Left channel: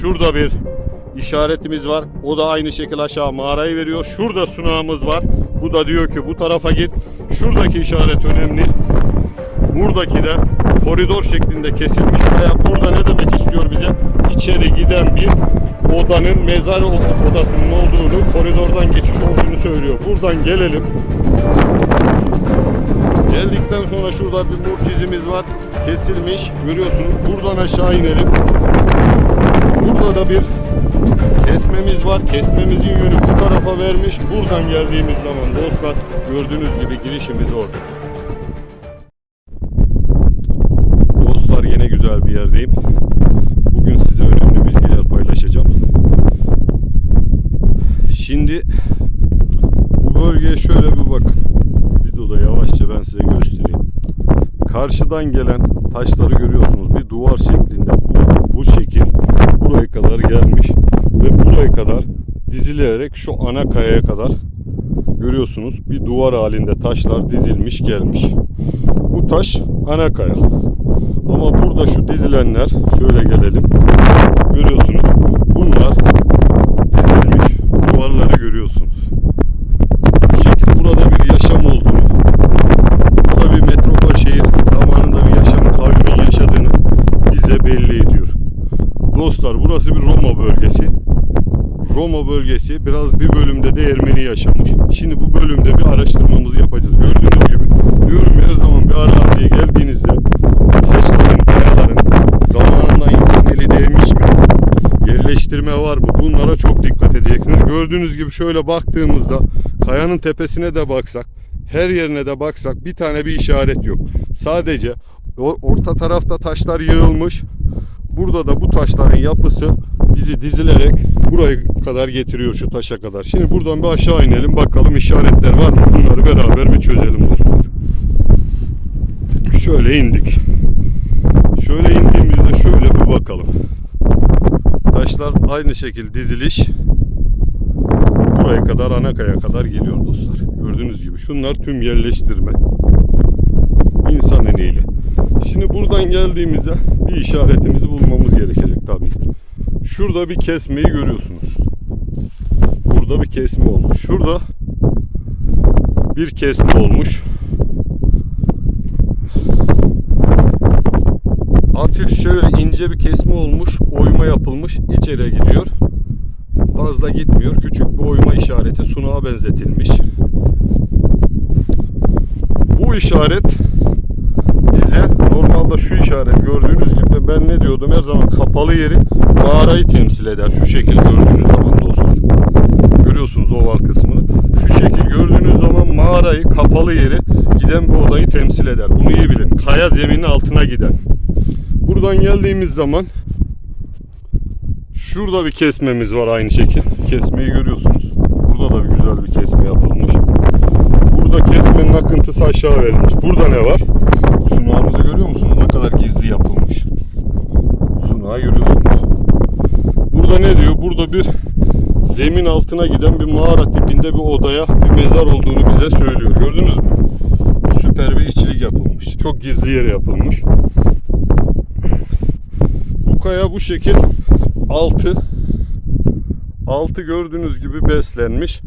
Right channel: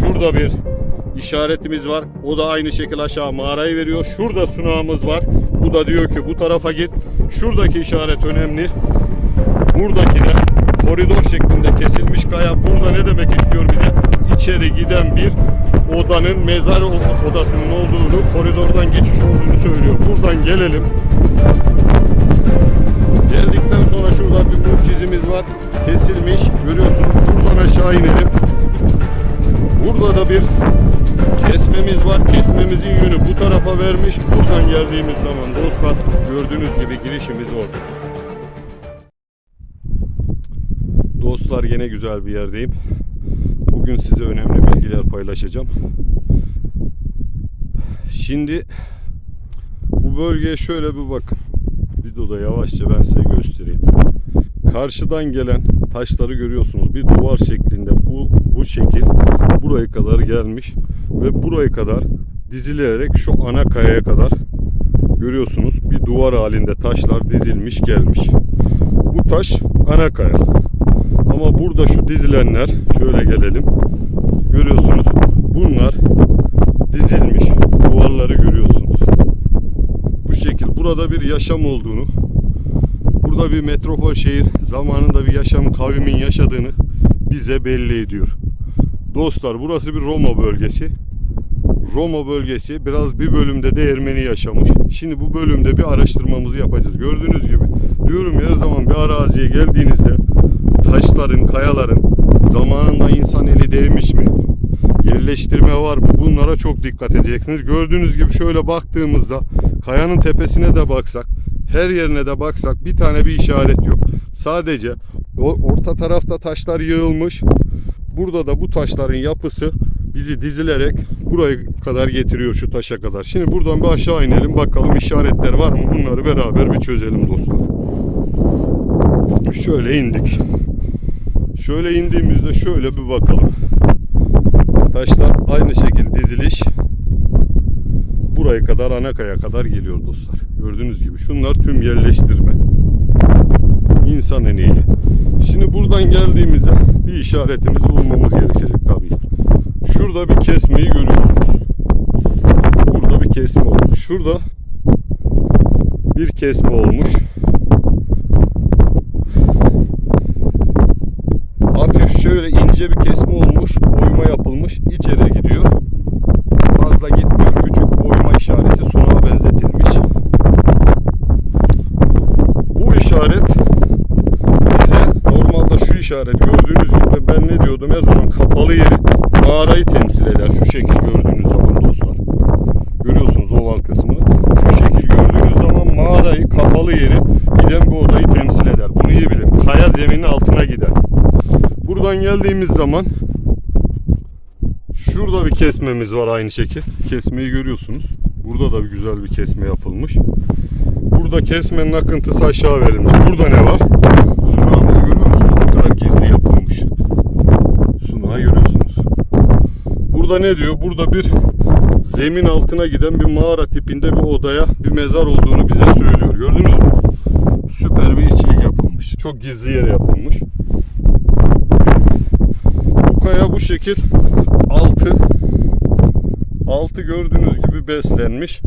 Şurada bir işaretimiz var. O da aynı şekilde aşağı mağarayı veriyor. Şurada sunağımız var. Bu da diyor ki bu tarafa git. Şuradaki işaret önemli. Buradaki de koridor şeklinde kesilmiş kaya. Burada ne demek istiyor bize? İçeri giden bir odanın mezar odasının olduğunu, koridordan geçiş olduğunu söylüyor. Buradan gelelim. Geldikten sonra şurada bir nur çizimiz var. Kesilmiş. Görüyorsunuz. Buradan aşağı inelim. Burada da bir kesmemiz var. Kesmemizin yönü bu tarafa vermiş. Buradan geldiğimiz zaman dostlar gördüğünüz gibi girişimiz orada. Dostlar yine güzel bir yerdeyim. Bugün size önemli bilgiler paylaşacağım. Şimdi bu bölgeye şöyle bir bakın. Videoda yavaşça ben size göstereyim. Karşıdan gelen taşları görüyorsunuz. Bir duvar şeklinde bu, bu şekil buraya kadar gelmiş ve buraya kadar dizilerek şu ana kayaya kadar görüyorsunuz bir duvar halinde taşlar dizilmiş gelmiş. Bu taş ana kaya. Ama burada şu dizilenler şöyle gelelim. Görüyorsunuz. Bunlar dizilmiş duvarları görüyorsunuz. Bu şekil burada bir yaşam olduğunu, burada bir metropol şehir zamanında bir yaşam kavmin yaşadığını bize belli ediyor. Dostlar burası bir Roma bölgesi. Roma bölgesi biraz bir bölümde de Ermeni yaşamış. Şimdi bu bölümde bir araştırmamızı yapacağız. Gördüğünüz gibi diyorum her zaman bir araziye geldiğinizde taşların, kayaların zamanında insan eli değmiş mi? Yerleştirme var mı? Bunlara çok dikkat edeceksiniz. Gördüğünüz gibi şöyle baktığımızda kayanın tepesine de baksak, her yerine de baksak bir tane bir işaret yok. Sadece orta tarafta taşlar yığılmış. Burada da bu taşların yapısı bizi dizilerek buraya kadar getiriyor şu taşa kadar. Şimdi buradan bir aşağı inelim bakalım işaretler var mı? Bunları beraber bir çözelim dostlar. Şöyle indik. Şöyle indiğimizde şöyle bir bakalım. Taşlar aynı şekilde diziliş. Buraya kadar Anakaya kadar geliyor dostlar. Gördüğünüz gibi şunlar tüm yerleştirme. İnsan eliyle. Şimdi buradan geldiğimizde bir işaretimizi bulmamız gerekecek tabii. Şurada bir kesmeyi görüyorsunuz. Burada bir kesme olmuş. Şurada bir kesme olmuş. Hafif şöyle ince bir kesme olmuş. Oyma yapılmış. içeriye gidiyor. Fazla gitmiyor. Küçük bir oyma işareti sunağa benzetilmiş. Bu işaret normalde şu işaret gördüğünüz gibi ben ne diyordum her zaman kapalı yeri mağarayı temsil eder. Şu şekil gördüğünüz zaman dostlar. Görüyorsunuz oval kısmını. Şu şekil gördüğünüz zaman mağarayı kapalı yeri giden bu odayı temsil eder. Bunu iyi bilin. Kaya zeminin altına giden. Buradan geldiğimiz zaman şurada bir kesmemiz var aynı şekil. Kesmeyi görüyorsunuz. Burada da bir güzel bir kesme yapılmış. Burada kesmenin akıntısı aşağı verilmiş. Burada ne var? Sunağımızı görüyor musunuz? Ne kadar gizli yapılmış. Sunağı görüyorsunuz. Burada ne diyor? Burada bir zemin altına giden bir mağara tipinde bir odaya bir mezar olduğunu bize söylüyor. Gördünüz mü? Süper bir işçilik yapılmış. Çok gizli yere yapılmış. Bu kaya bu şekil altı altı gördüğünüz gibi beslenmiş.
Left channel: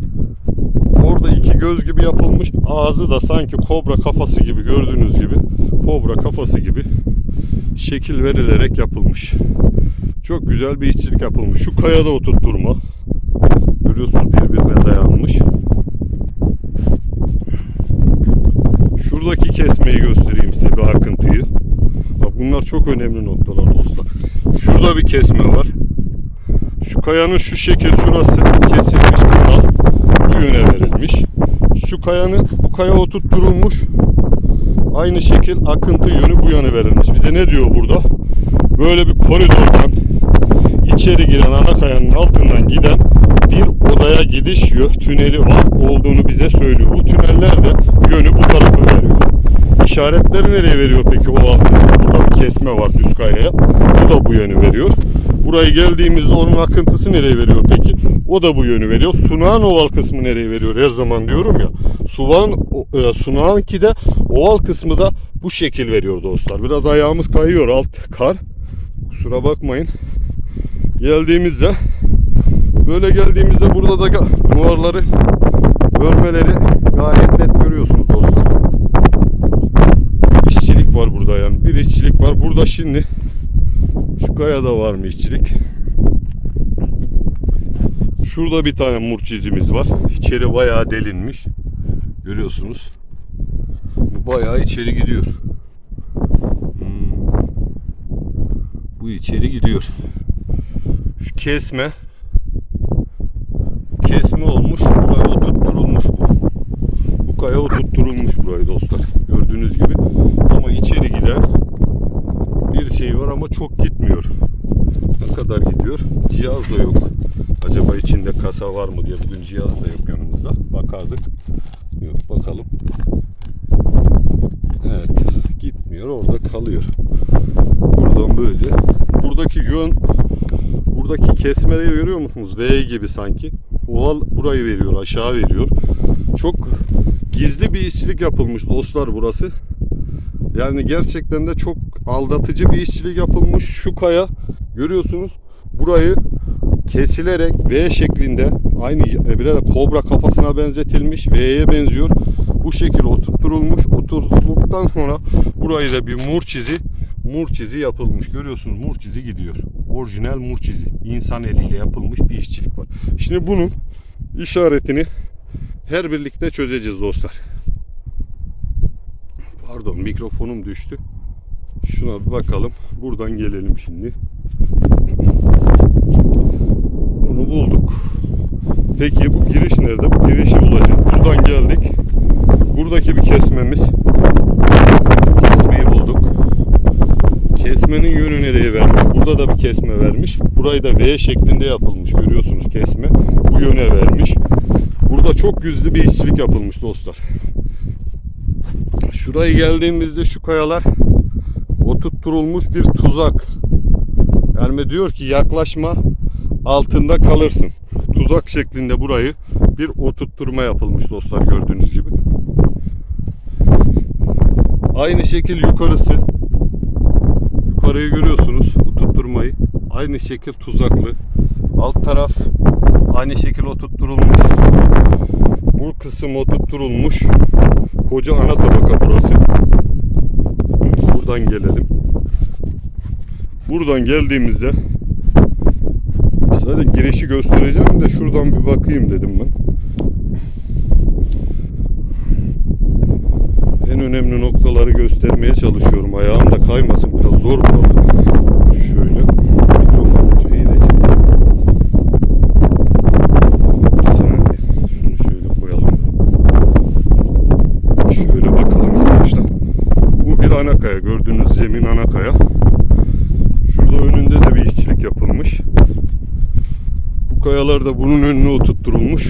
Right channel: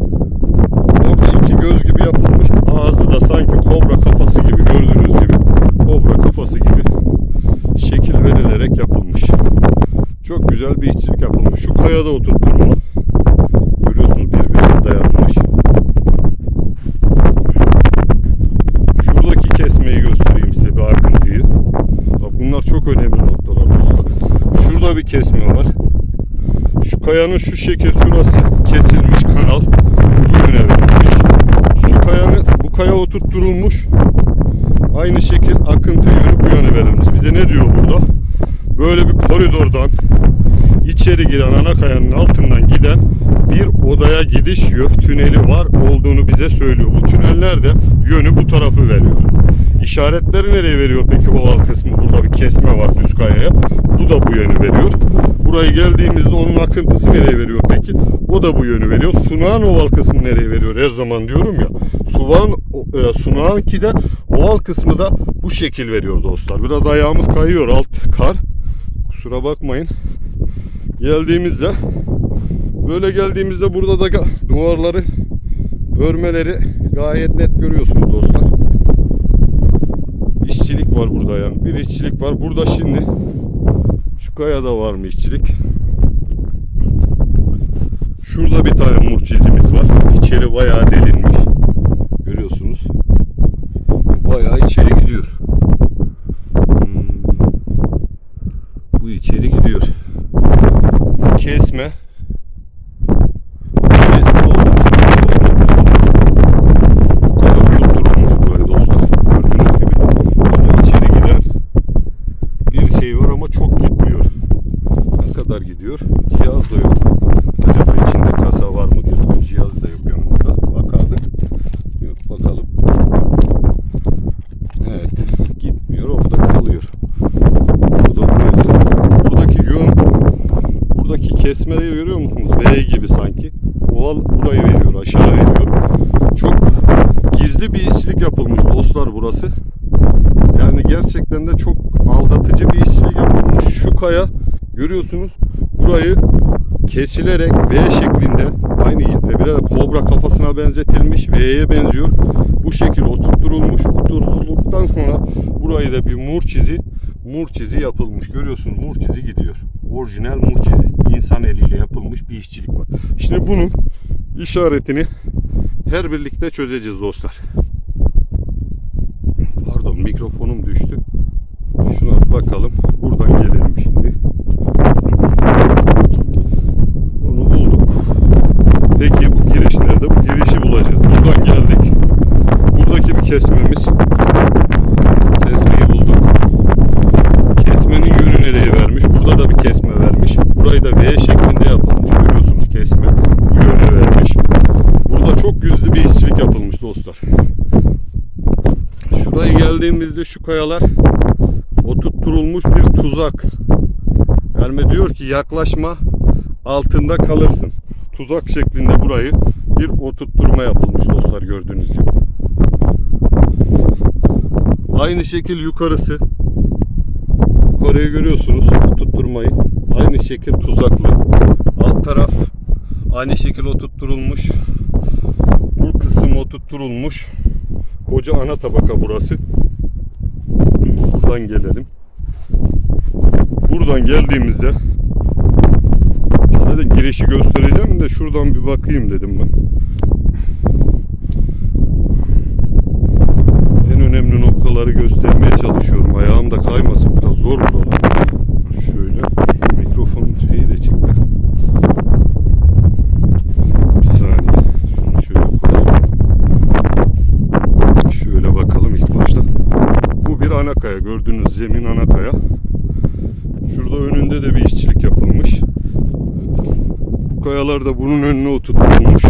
Orada iki göz gibi yapılmış. Ağzı da sanki kobra kafası gibi gördüğünüz gibi kobra kafası gibi şekil verilerek yapılmış. Çok güzel bir işçilik yapılmış. Şu kayada oturtturma. Görüyorsunuz birbirine dayanmış. Şuradaki kesmeyi göstereyim size bir akıntıyı. Bak bunlar çok önemli noktalar dostlar. Şurada bir kesme var. Şu kayanın şu şekil şurası kesilmiş kanal bu yöne verilmiş. Şu kayanın bu kaya oturtturulmuş. Aynı şekil akıntı yönü bu yöne verilmiş. Bize ne diyor burada? Böyle bir koridordan içeri giren ana kayanın altından giden bir odaya gidiş yö tüneli var olduğunu bize söylüyor. Bu tüneller de yönü bu tarafı veriyor. İşaretleri nereye veriyor peki o alt kısmı? Burada bir kesme var düz kayaya. Bu da bu yönü veriyor. Buraya geldiğimizde onun akıntısı nereye veriyor peki? O da bu yönü veriyor. Sunağın oval kısmı nereye veriyor? Her zaman diyorum ya. Suvan, e, sunağın ki de oval kısmı da bu şekil veriyor dostlar. Biraz ayağımız kayıyor alt kar. Kusura bakmayın. geldiğimizde böyle geldiğimizde burada da duvarları örmeleri gayet net görüyorsunuz dostlar. İşçilik var burada yani. Bir işçilik var. Burada şimdi şu kayada var mı işçilik? Şurada bir tane murç izimiz var. İçeri bayağı delinmiş. Görüyorsunuz. Bayağı içeri gidiyor. Hmm. Bu içeri gidiyor. Şu kesme olmuş. Buraya oturtturulmuş. Bu kaya oturtturulmuş burayı dostlar. Gördüğünüz gibi. Ama içeri giden bir şey var ama çok gitmiyor. Gidiyor? Cihaz da yok. Acaba içinde kasa var mı diye bugün cihaz da yok yanımızda. Bakardık. Yok bakalım. Evet. Gitmiyor. Orada kalıyor. Burada böyle. Buradaki yön buradaki kesmeyi görüyor musunuz? V gibi sanki. Oval burayı veriyor. Aşağı veriyor. Çok gizli bir işçilik yapılmış dostlar burası. Yani gerçekten de çok aldatıcı bir işçilik yapılmış. Şu kaya görüyorsunuz burayı kesilerek V şeklinde aynı e, bir de kobra kafasına benzetilmiş V'ye benziyor. Bu şekil oturtturulmuş. Oturtulduktan sonra burayı da bir mur çizi mur çizi yapılmış. Görüyorsunuz mur çizi gidiyor. Orijinal mur çizi. İnsan eliyle yapılmış bir işçilik var. Şimdi bunun işaretini her birlikte çözeceğiz dostlar. Pardon mikrofonum düştü. Şuna bakalım. Buradan gelelim şimdi. Onu bulduk. Peki bu giriş nerede? Bu girişi bulacağız. Buradan geldik. Buradaki bir kesmemiz. Kesmeyi bulduk. Kesmenin yönü nereye vermiş? Burada da bir kesme vermiş. Burayı da V şeklinde yapılmış. Görüyorsunuz kesme. Bu yöne vermiş. Burada çok gizli bir işçilik yapılmış dostlar. Şuraya geldiğimizde şu kayalar oturtturulmuş bir tuzak. Yani diyor ki yaklaşma altında kalırsın. Tuzak şeklinde burayı bir oturtturma yapılmış dostlar gördüğünüz gibi. Aynı şekil yukarısı. Yukarıyı görüyorsunuz oturtturmayı. Aynı şekil tuzaklı. Alt taraf aynı şekil oturtturulmuş. Bu kısım oturtturulmuş. Koca ana tabaka burası. Buradan gelelim. Buradan geldiğimizde zaten girişi göstereceğim de şuradan bir bakayım dedim ben. En önemli noktaları göstermeye çalışıyorum. Ayağım da kaymasın. Biraz zor bu. Şöyle mikrofon şeyi de şöyle bakalım ilk baştan. Bu bir ana kaya. Gördüğünüz zemin ana kaya. Şurada önünde de bir işçilik yapılmış. Bu kayalar da bunun önüne oturtulmuş.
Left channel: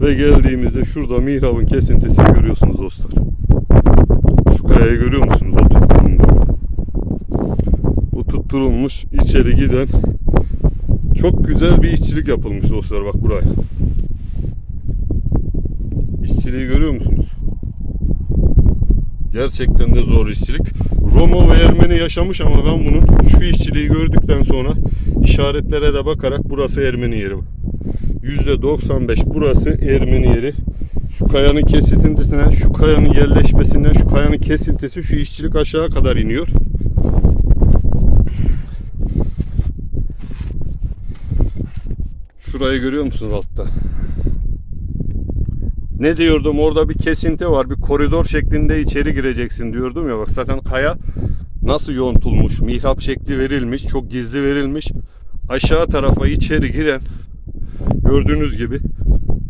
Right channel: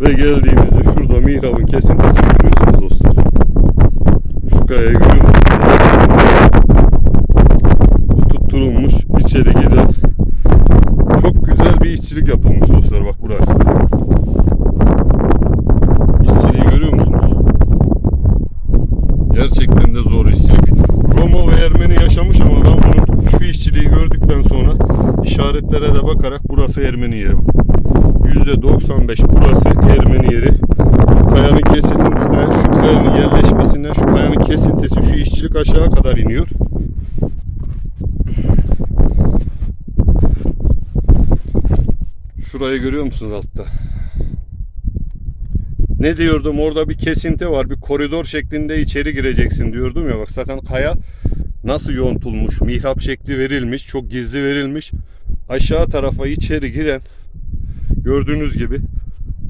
Ve geldiğimizde şurada mihrabın kesintisini görüyorsunuz dostlar. Şu kayayı görüyor musunuz? Oturtulmuş içeri giden çok güzel bir işçilik yapılmış dostlar bak buraya. İşçiliği görüyor musunuz? Gerçekten de zor işçilik. Roma ve Ermeni yaşamış ama ben bunun şu işçiliği gördükten sonra işaretlere de bakarak burası Ermeni yeri. %95 burası Ermeni yeri. Şu kayanın kesintisine, şu kayanın yerleşmesinden, şu kayanın kesintisi, şu işçilik aşağı kadar iniyor. Şurayı görüyor musunuz altta? Ne diyordum orada bir kesinti var bir koridor şeklinde içeri gireceksin diyordum ya bak zaten kaya nasıl yontulmuş mihrap şekli verilmiş çok gizli verilmiş aşağı tarafa içeri giren gördüğünüz gibi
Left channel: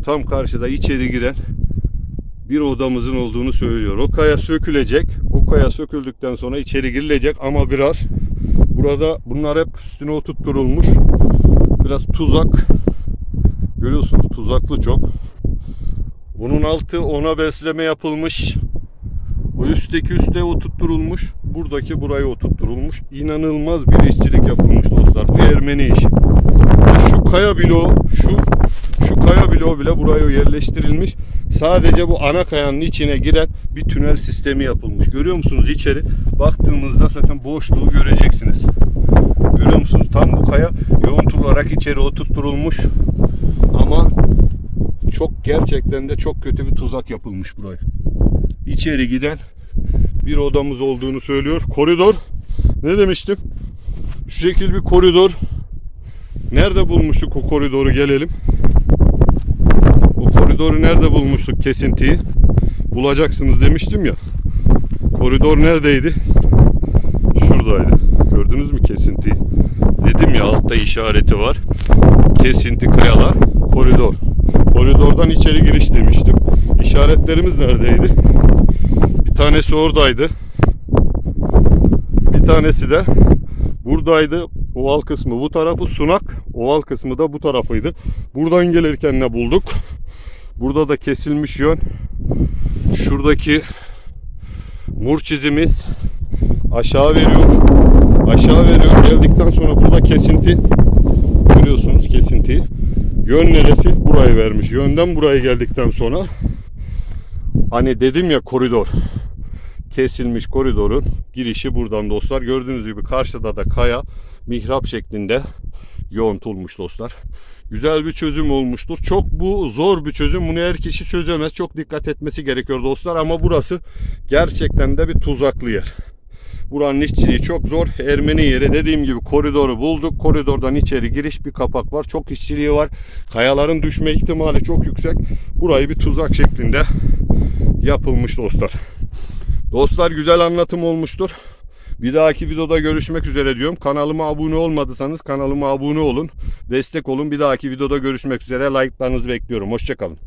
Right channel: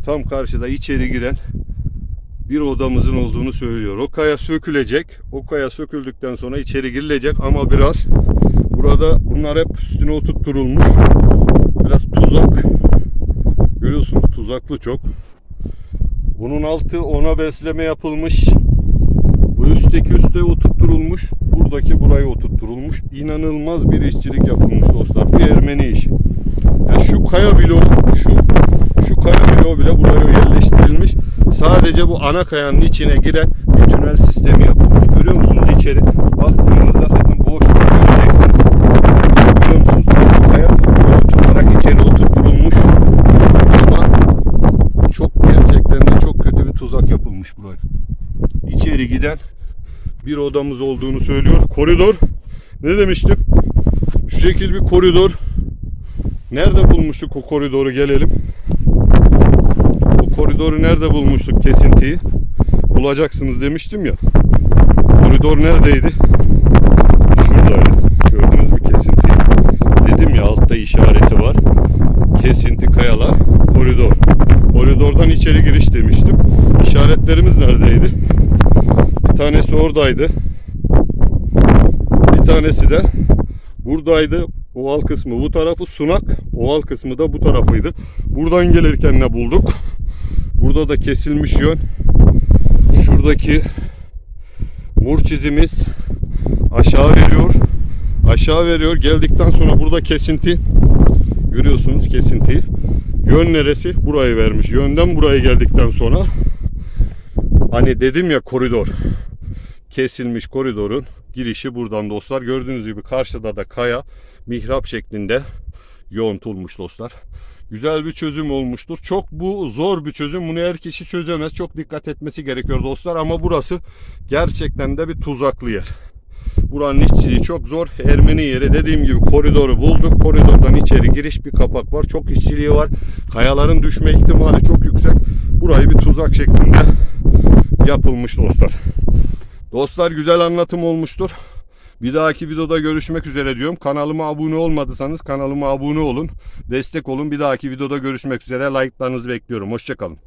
tam karşıda içeri giren bir odamızın olduğunu söylüyor. O kaya sökülecek. O kaya söküldükten sonra içeri girilecek ama biraz burada bunlar hep üstüne oturtturulmuş. Biraz tuzak. Görüyorsunuz tuzaklı çok. Bunun altı ona besleme yapılmış. Bu üstteki üste oturtturulmuş. Buradaki buraya oturtturulmuş. İnanılmaz bir işçilik yapılmış dostlar. Bu Ermeni işi. Ya şu kaya bloğu, şu şu kaya bloğu bile buraya yerleştirilmiş. Sadece bu ana kayanın içine giren bir tünel sistemi yapılmış. Görüyor musunuz içeri? Baktığınızda zaten boşluk göreceksiniz. Görüyor musunuz? Tam bu kaya tuzak yapılmış buraya. İçeri giden bir odamız olduğunu söylüyor. Koridor. Ne demiştim? Şu şekil bir koridor. Nerede bulmuştuk o koridoru gelelim. O koridoru nerede bulmuştuk kesintiyi? Bulacaksınız demiştim ya. Koridor neredeydi? Şuradaydı. Gördünüz mü kesintiyi? Dedim ya altta işareti var. Kesinti kayalar koridor. Koridordan içeri giriş demiştim. İşaretlerimiz neredeydi? Bir tanesi oradaydı. Bir tanesi de buradaydı. Oval kısmı bu tarafı sunak. Oval kısmı da bu tarafıydı. Buradan gelirken ne bulduk? Burada da kesilmiş yön. Şuradaki mur çizimiz aşağı veriyor. Aşağı veriyor. Geldikten sonra burada kesinti. Görüyorsunuz kesintiyi. Yön neresi? Burayı vermiş. Yönden buraya geldikten sonra hani dedim ya koridor. Kesilmiş koridorun girişi buradan dostlar. Gördüğünüz gibi karşıda da kaya mihrap şeklinde yoğuntulmuş dostlar. Güzel bir çözüm olmuştur. Çok bu zor bir çözüm. Bunu her kişi çözemez. Çok dikkat etmesi gerekiyor dostlar. Ama burası gerçekten de bir tuzaklı yer. Buranın işçiliği çok zor. Ermeni yeri dediğim gibi koridoru bulduk. Koridordan içeri giriş bir kapak var. Çok işçiliği var. Kayaların düşme ihtimali çok yüksek. Burayı bir tuzak şeklinde yapılmış dostlar. Dostlar güzel anlatım olmuştur. Bir dahaki videoda görüşmek üzere diyorum. Kanalıma abone olmadıysanız kanalıma abone olun. Destek olun. Bir dahaki videoda görüşmek üzere. Like'larınızı bekliyorum. Hoşçakalın.